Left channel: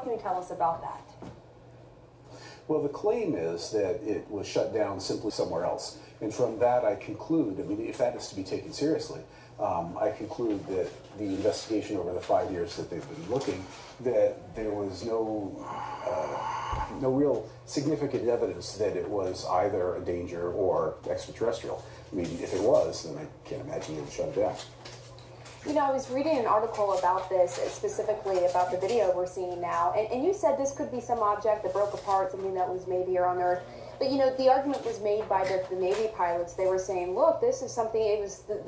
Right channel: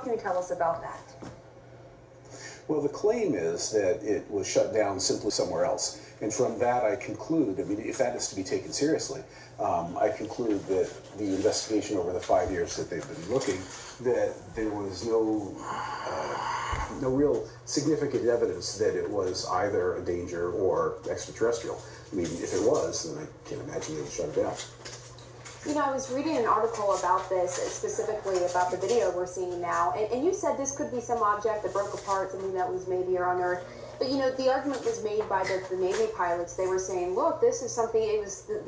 What can you tell us about that? Well, the claim is that it was shut down simply somewhere else. And from that, I conclude, I mean, if that is to be taken seriously, I conclude that the investigation over the 5 years that they've been looking, that there was no real significant evidence that it was either a danger or extraterrestrial. I mean, if it was, then I can't imagine they would shut it down. You know, I was reading an article about this, specifically about the video we're seeing now, and you said this could be some object that broke apart, something that was made here on Earth. But, you know, the argument was made by the Navy pilots. They were saying, look, this is something,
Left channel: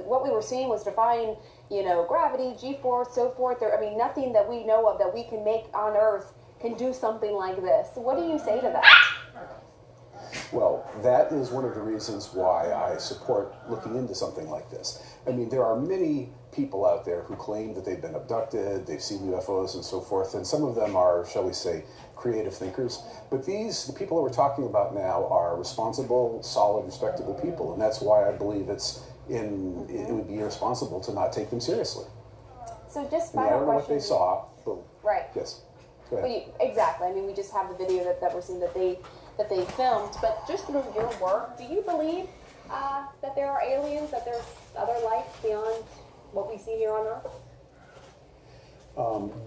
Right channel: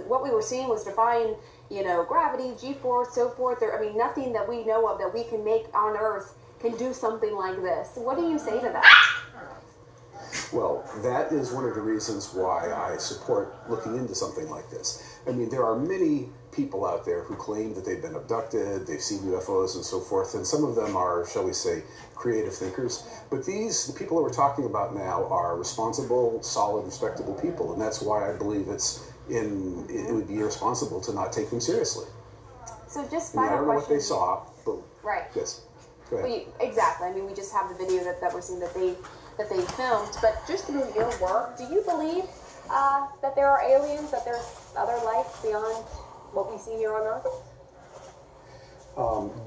what we were seeing was defying, you know, gravity, G-force, so forth. I mean, nothing that we know of that we can make on Earth can do something like this. What do you say to that? Well, that is one of the reasons why I support looking into something like this. I mean, there are many people out there who claim that they've been abducted, they've seen UFOs and so forth, and some of them are, shall we say, creative thinkers. But the people that we're talking about now are responsible, solid, respectable people, and that's why I believe it would be irresponsible to not take them seriously. So just I don't know what they saw, but right. Yes. Go ahead. Well, exactly. I mean, we just have the video that we're seeing that they filmed, but just through your work, do you believe that there are aliens, that there's other life beyond what we see here on Earth?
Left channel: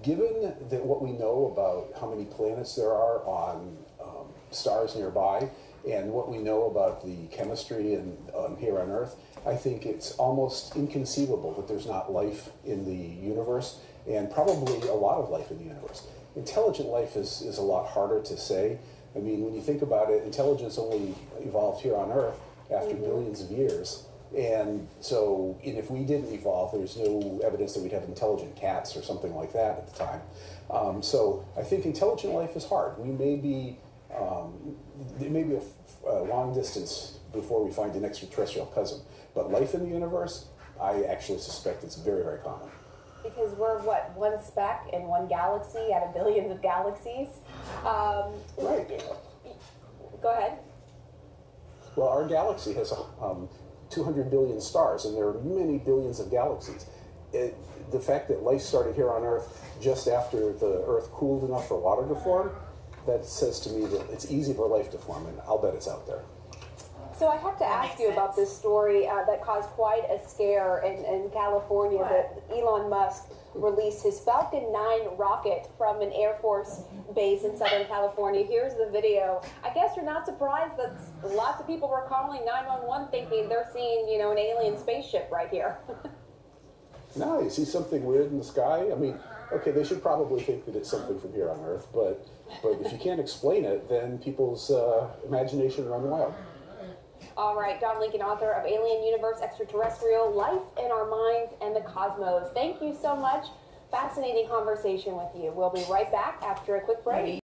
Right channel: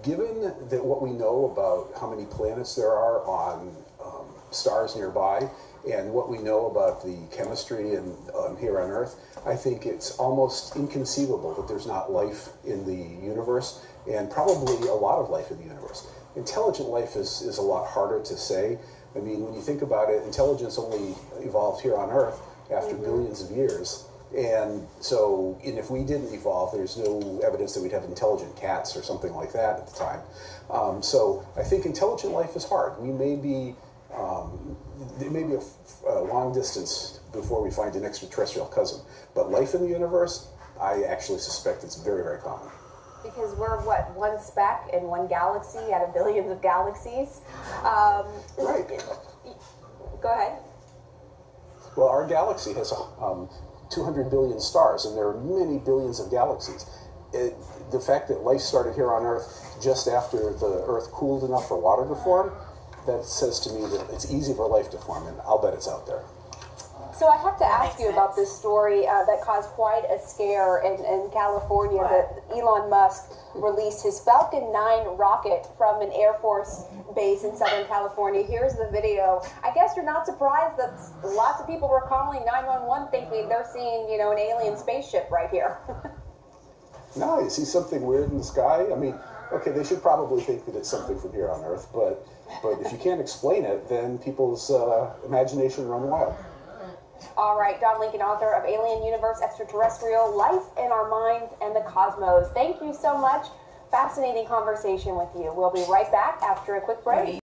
Given that what we know about how many planets there are on stars nearby, and what we know about the chemistry here on Earth, I think it's almost inconceivable that there's not life in the universe, and probably a lot of life in the universe. Intelligent life is a lot harder to say. I mean, when you think about it, intelligence only evolved here on Earth after billions of years. And so, if we didn't evolve, there's no evidence that we'd have intelligent cats or something like that at the time. So I think intelligent life is hard. We may be, there may be a long distance before we find an extraterrestrial cousin. But life in the universe, I actually suspect it's very, very common. Because we're, what, one speck in one galaxy out of billions of galaxies? Right. Go ahead. Well, our galaxy has 200 billion stars, and there are many billions of galaxies. The fact that life started here on Earth just after the Earth cooled enough for water to form, that says to me that it's easy for life to form, and I'll bet it's out there. So I have to ask you about this story that caused quite a scare in California, that Elon Musk released his Falcon 9 rocket from an Air Force base in Southern California. Here's the video. I guess you're not surprised that lots of people were calling 911 thinking they're seeing, you know, an alien spaceship right here. No, you see something weird in the sky? I mean, okay, they should probably think that it's something from here on Earth, but if you can't explain it, then people's imagination run wild. All right, Don Lincoln, author of Alien Universe, Extraterrestrial, Life in Our Minds and the Cosmos. Thank you so much. Fascinating conversation with you. We'll be right back after a quick break.